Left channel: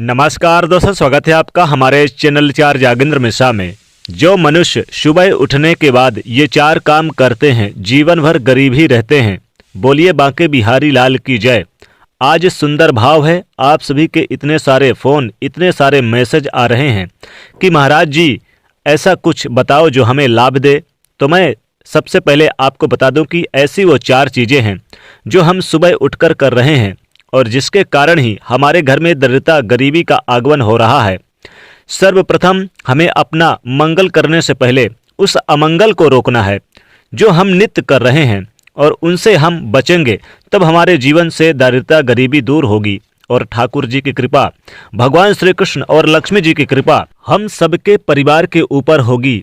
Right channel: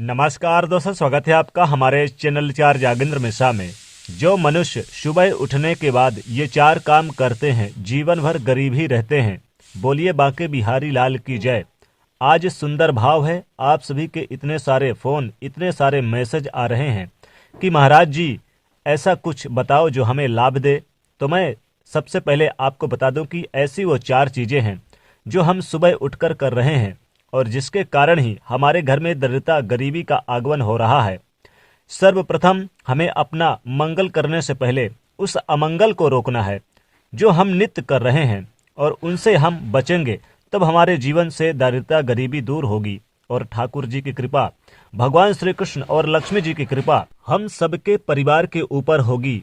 नमस्कार दोस्तों, स्वागत है आपका हमारे चैनल 4 जागेंद्र मिश्रा में। जो मनुष्य सुबह उठने के बाद ये 4 काम करते हैं, जीवन भर गरीब ही रहते हैं। बोलिए बांके बिहारी लाल की जय। आज सुंदर भाव है, आप सभी के इतने सारे फ़ोन, इतने सारे मैसेज आ रहे हैं कि महाराज जी ऐसा कुछ बताओ जो हमें लाभ दे। तो मैं सबसे पहले आपको बता दूं कि ऐसी वो 4 चीज़ें हैं जो हम सुबह उठकर कर रहे हैं और जिसके कारण ही हमारे घर में दरिद्रता, गरीबी का आगमन हो रहा है। सर्वप्रथम हमें अपना मंगल करने से पहले उस अमंगल को रोकना है जो हम नित्य कर रहे हैं, और उनसे हम बचेंगे तब हमारे जीवन से दरिद्रता, गरीबी दूर होगी और ठाकुर जी की कृपा, भगवान श्री कृष्ण और लक्ष्मी जी की कृपा हम सबके परिवार के ऊपर होगी।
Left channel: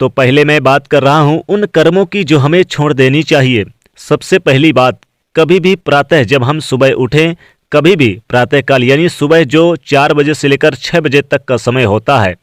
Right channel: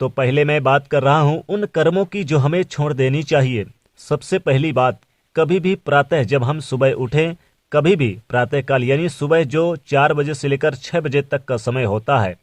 तो पहले मैं बात कर रहा हूँ उन कर्मों की जो हमें छोड़ देनी चाहिए। सबसे पहली बात, कभी भी प्रातः जब हम सुबह उठें, कभी भी प्रातःकाल यानी सुबह जो 4 बजे से लेकर 6 बजे तक का समय होता है,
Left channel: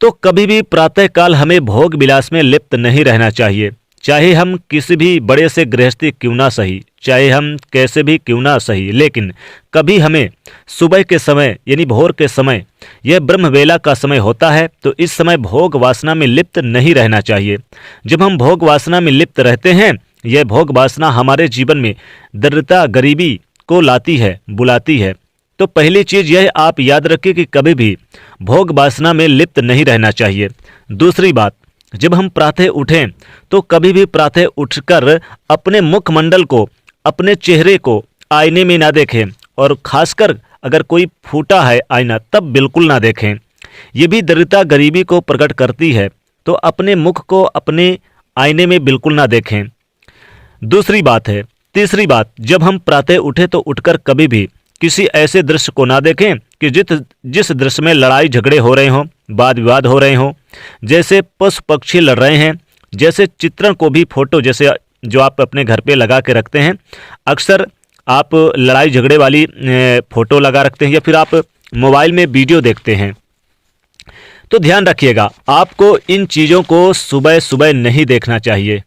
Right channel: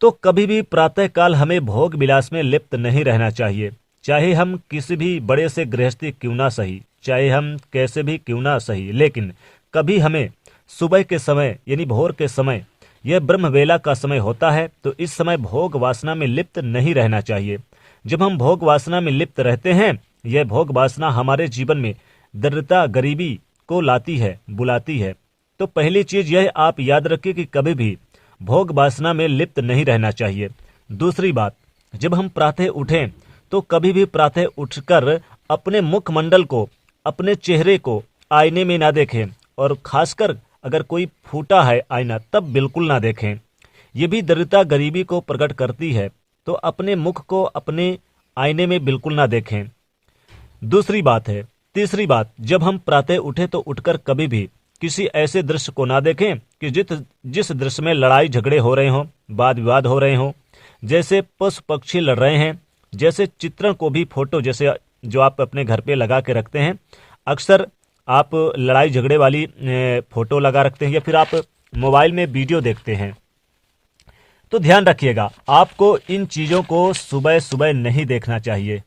तो कभी भी प्रातःकाल हमें भोग विलास में लिप्त नहीं रहना चाहिए। चाहे हम किसी भी बड़े से गृहस्थी क्यों ना सही, चाहे हम कैसे भी क्यों ना सही, लेकिन कभी हमें सुबह के समय यानी भोर के समय, यह ब्रह्मवेला का समय होता है, तो इस समय भोग वासना में लिप्त नहीं रहना चाहिए। जब हम भोग वासना में लिप्त रहते हैं, यह भोग वासना हमारे जीवन में दरिद्रता, गरीबी को लाती है, बुलाती है। तो पहली चीज़ यह आप याद रखिए कि कभी भी भोग वासना में लिप्त नहीं रहना चाहिए। दूसरी बात, जब हम प्रातः उठें तो कभी भी प्रातः उठकर अपने मुखमंडल को, अपने चेहरे को आईने में ना देखें, और खासकर अगर कोई फूटा है आईना तब बिल्कुल ना देखें। ये भी दरिद्रता, गरीबी को प्रकट करती है। तो अपने मुख को अपने आईने में बिल्कुल ना देखें। दूसरी बात है, तीसरी बात, जब हम प्रातः उठे तो उठकर कभी भी किसी ऐसे दृश्य को ना देखें कि जिस दृश्य में लड़ाई झगड़े हो रहे हों, वाद विवाद हो रहे हों, जैसे पशु पक्षी लड़ रहे हैं, जैसे चित्रण को भी फोटो जैसे जो आप अपने घर पे लगा के रखते हैं, अक्सर आप लड़ाई झगड़े वाली फोटो लगा रखते हैं, या फिर आप मोबाइल में वीडियो देखते हैं। तो ध्यान रखिएगा, आपको इन चीज़ों को सुबह सुबह नहीं देखना चाहिए,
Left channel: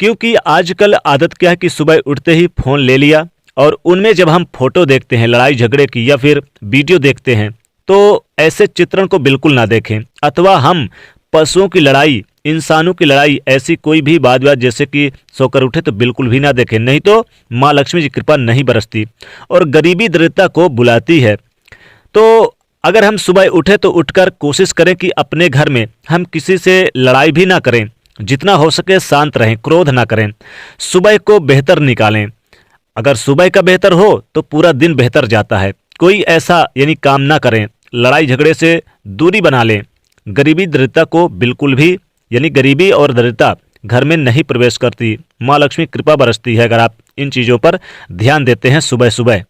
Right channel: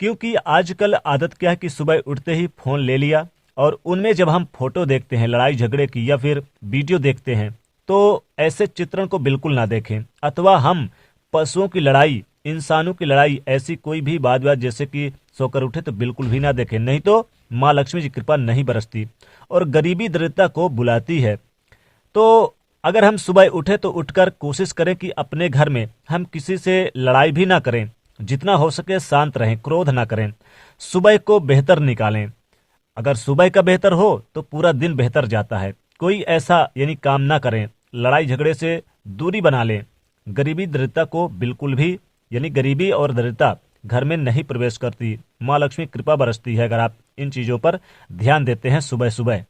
क्योंकि आजकल आदत क्या है कि सुबह उठते ही फ़ोन ले लिया और उनमें जब हम फोटो देखते हैं लड़ाई झगड़े की या फिर वीडियो देखते हैं, तो ऐसे चित्रण को बिल्कुल ना देखें। अथवा हम पशुओं की लड़ाई, इंसानों की लड़ाई, ऐसी कोई भी वाद विवाद जैसे कि सोकर उठे तो बिल्कुल भी ना देखें, नहीं तो माँ लक्ष्मी जी की कृपा नहीं बरसती और गरीबी दरिद्रता को बुलाती है। तो अगर हम सुबह उठे तो उठकर कोशिश करें कि अपने घर में हम किसी से लड़ाई भी ना करें, जितना हो सके शांत रहें, क्रोध ना करें, सुबह को बेहतर निकालें। अगर सुबह का बेहतर हो तो पूरा दिन बेहतर जाता है। कोई ऐसा यानी काम ना करें, लड़ाई झगड़े से दूरी बना लें। गरीबी दरिद्रता को बिल्कुल भी, यानी गरीबी और दरिद्रता घर में नहीं प्रवेश करती। माँ लक्ष्मी कृपा बरसती है अगर आप इन चीज़ों पर ध्यान देते हैं सुबह सुबह।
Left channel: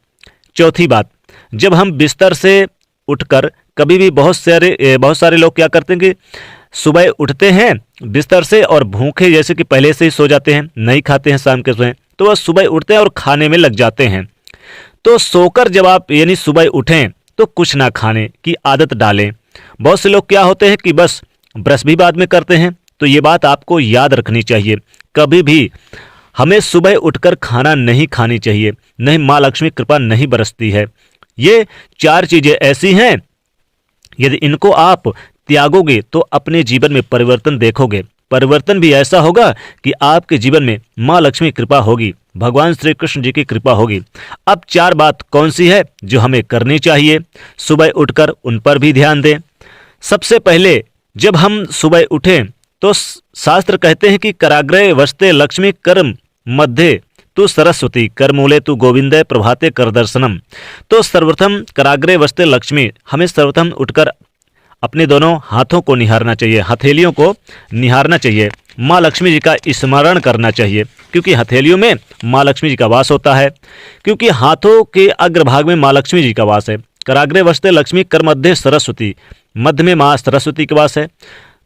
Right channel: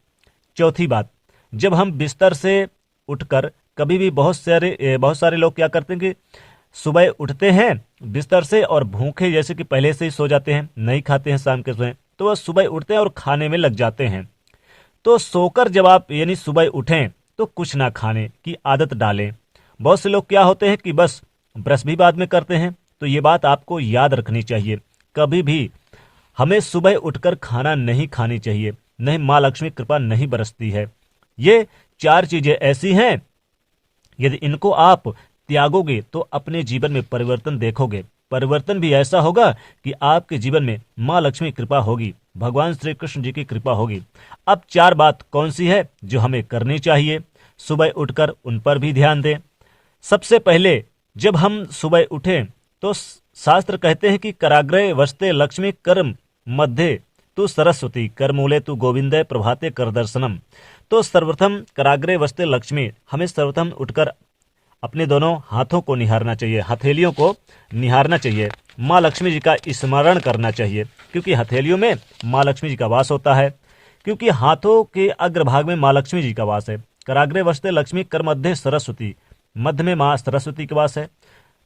चौथी बात, जब हम बिस्तर से उठकर कभी भी बहुत सारे लोग क्या करते हैं कि सुबह उठते हैं बिस्तर से और भूखे जैसे कि पहले से ही सो जाते हैं, नहीं खाते हैं शाम के समय, तो वह सुबह उठते हैं और खाने में लग जाते हैं। तो सोकर जब आप यानी सुबह उठें तो कुछ ना खाने की आदत डालें। बहुत से लोग क्या होते हैं कि बस ब्रश भी बाद में करते हैं। तो ये बात आपको याद रखनी चाहिए, कभी भी हमें सुबह उठकर खाना नहीं खानी चाहिए, नहीं माँ लक्ष्मी कृपा नहीं बरसती है। ये 4 चीज़ें ऐसी हैं, यदि इनको आप त्यागोगे तो अपने जीवन में परिवर्तन देखोगे। परिवर्तन भी ऐसा होगा कि आपके जीवन में माँ लक्ष्मी कृपा होगी, भगवान श्री कृष्ण जी की कृपा होगी। अब 4 बात कौन सी है जो हमें करनी चाहिए सुबह उठकर, उन पर भी ध्यान दें। सबसे पहले जब हम सुबह उठें तो शास्त्र कहते हैं कि कराग्रे वस्ते लक्ष्मी कर्म मध्य तू सरस्वती करमूले तू गोविंदे प्रभाते कर दर्शनम। तो सर्वप्रथम कराग्रे वस्ते लक्ष्मी, हमें सर्वप्रथम उठकर अपने दोनों हाथों को निहारना चाहिए, हथेलियों को निहारना चाहिए, माँ लक्ष्मी जी का स्मरण करना चाहिए, क्योंकि हथेलियों में माँ लक्ष्मी जी का वास होता है, क्योंकि हाथों के अग्रभाग में माँ लक्ष्मी जी का वास है। कराग्रे वस्ते लक्ष्मी कर मध्य सरस्वती, मध्य में माँ सरस्वती का वास है।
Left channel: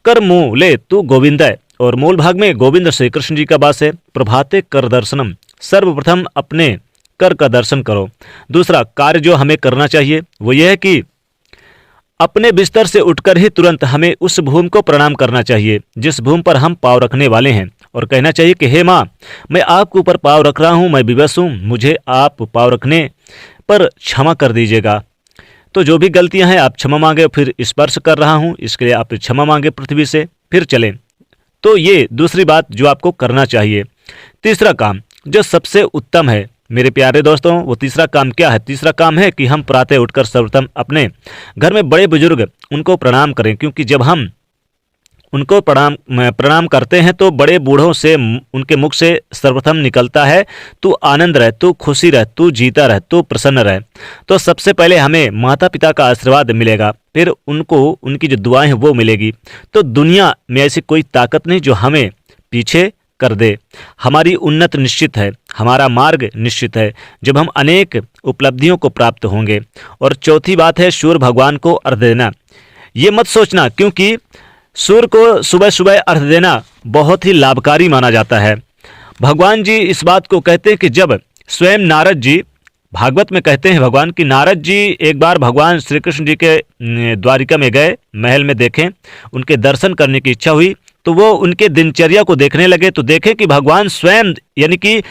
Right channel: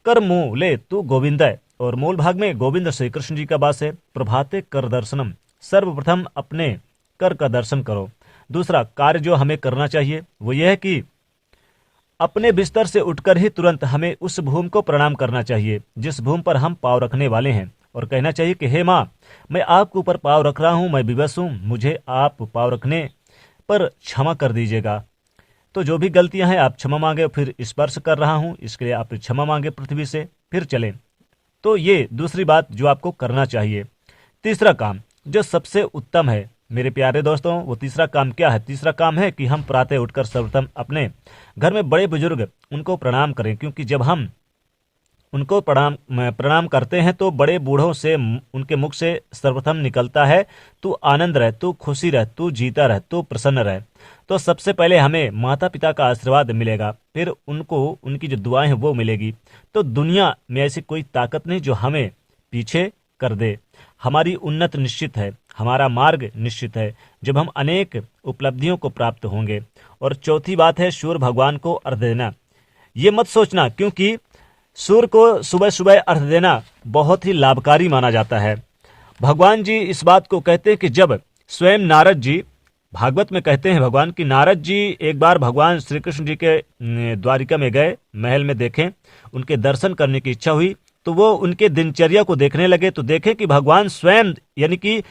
कर मूले तू गोविंदय, और मूल भाग में गोविंद श्री कृष्ण जी का वास है। प्रभाते कर दर्शनम, सर्वप्रथम अपने कर का दर्शन करो। दूसरा कार्य जो हमें करना चाहिए वो यह है कि अपने बिस्तर से उठकर ही तुरंत हमें उस भूमि को प्रणाम करना चाहिए जिस भूमि पर हम पाँव रखने वाले हैं, और कहना चाहिए कि हे माँ, मैं आपके ऊपर पाँव रख रहा हूँ, मैं विवश हूँ, मुझे आप पाँव रखने पर क्षमा कर दीजिएगा। तो जो भी गलतियां हैं आप क्षमा मांगे। फिर स्पर्श कर रहा हूं, इसके लिए आप क्षमा मांगे पृथ्वी से, फिर चलें। तो ये दूसरी बात जो आपको करना चाहिए। तीसरा काम जो सबसे उत्तम है मेरे प्यारे दोस्तों, वो तीसरा काम क्या है? तीसरा काम है कि हम प्रातः उठकर सर्वप्रथम अपने घर में बड़े बुजुर्ग उनको प्रणाम करें, क्योंकि जब हम उनको प्रणाम करते हैं तो बड़े बूढ़ों से उनके मुख से सर्वप्रथम निकलता है तू आनंद रह, तू खुशी रह, तू जीता रह, तू प्रसन्न रह। तो सबसे पहले हमें माता पिता का आशीर्वाद मिलेगा, फिर उनको उनकी जो दुआएं हैं वो मिलेगी। तो दुनिया में ऐसी कोई ताकत नहीं जो हमें पीछे कर दे। हमारी उन्नत निश्चित है, हमारा मार्ग निश्चित है जब हम अनेक उपलब्धियों को प्राप्त होंगे। और चौथी बात है सूर्य भगवान को अर्घ देना। ये मत सोचना, क्योंकि सूर्य को सुबह सुबह अर्घ देना बहुत ही लाभकारी माना जाता है। भगवान जी इस बात को कहते हैं कि जब स्वयं नारद जी, भागवत में कहते हैं भगवान कि नारद जी एक बार भगवान श्री कृष्ण जी के द्वारिका में गए, महल में देखें, उनके दर्शन करने की इच्छा हुई, तो वो उनके दिनचर्या को देखने लगे तो देखे कि भगवान स्वयं, यानी कि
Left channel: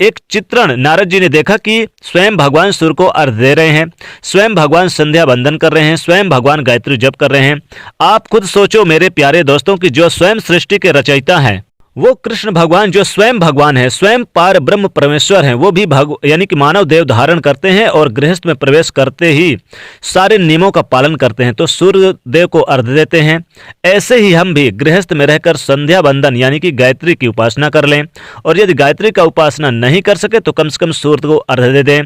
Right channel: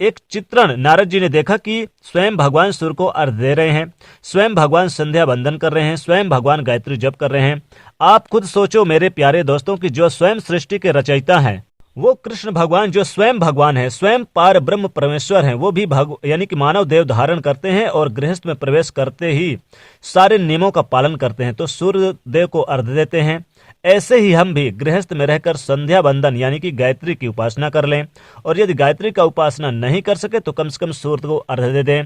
एक चित्रण नारद जी ने देखा कि स्वयं भगवान सूर्य को अर्घ दे रहे हैं, स्वयं भगवान संध्या बंदन कर रहे हैं, स्वयं भगवान गायत्री जप कर रहे हैं। आप खुद सोचो मेरे प्यारे दोस्तों कि जो स्वयं सृष्टि के रचयिता हैं वो कृष्ण भगवान, जो स्वयं भगवान है, स्वयं पार ब्रह्म परमेश्वर हैं, वो भी यानी कि मानव देव धारण करते हैं और गृहस्थ में प्रवेश करते ही सारे नियमों का पालन करते हैं, तो सूर्य देव को अर्घ देते हैं। ऐसे ही हम भी गृहस्थ में रहकर संध्या बंदन यानी कि गायत्री की उपासना कर लें, और यदि गायत्री का उपासना नहीं कर सके तो कम से कम सूर्य को अर्घ दे दें।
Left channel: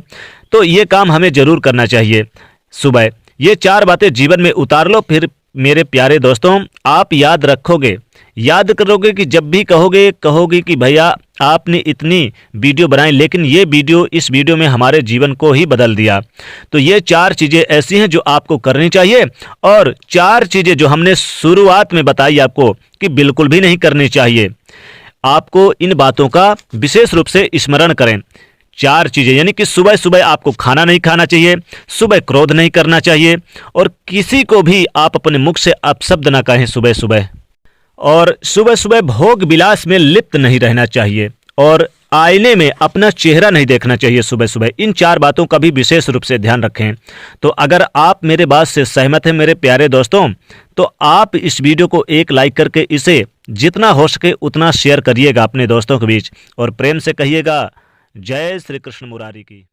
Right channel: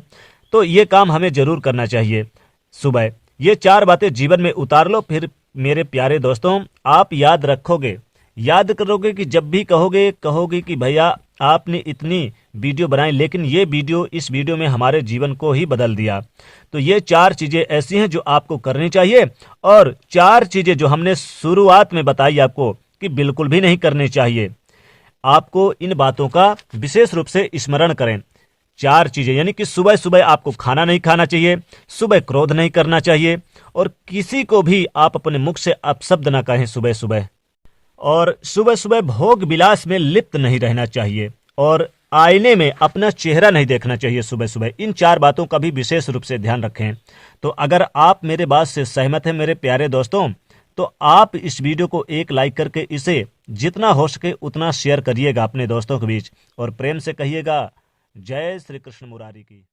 तो ये काम हमें जरूर करना चाहिए सुबह। ये 4 बातें जीवन में उतार लो, फिर मेरे प्यारे दोस्तों आप याद रखोगे, याद करोगे कि जब भी कहोगे कि भैया आपने इतनी वीडियो बनाई, लेकिन ये वीडियो, इस वीडियो में हमारे जीवन को ही बदल दिया। तो ये 4 चीज़ें ऐसी हैं जो आपको करनी चाहिए, और 4 चीज़ें जो हमने शुरुआत में बताई आपको कि बिल्कुल भी नहीं करनी चाहिए। आपको इन बातों का विशेष रूप से स्मरण करें। 4 चीज़ें, यानी कि सुबह सुबह आपको खाना नहीं खाना चाहिए, सुबह क्रोध नहीं करना चाहिए, और किसी को भी आप अपने मुख से अपशब्द ना कहें सुबह सुबह, और सुबह सुबह भोग विलास में लिप्त नहीं रहना चाहिए, और आईने में अपना चेहरा नहीं देखना चाहिए सुबह सुबह। इन 4 बातों का भी विशेष रूप से ध्यान रखें। तो अगर आप मेरे बात से सहमत हैं मेरे प्यारे दोस्तों, तो आप इस वीडियो को एक लाइक करके इसे जितना हो सके उतना शेयर करिएगा अपने दोस्तों के बीच, और प्रेम से कहिएगा जय श्री कृष्ण मुरारी की।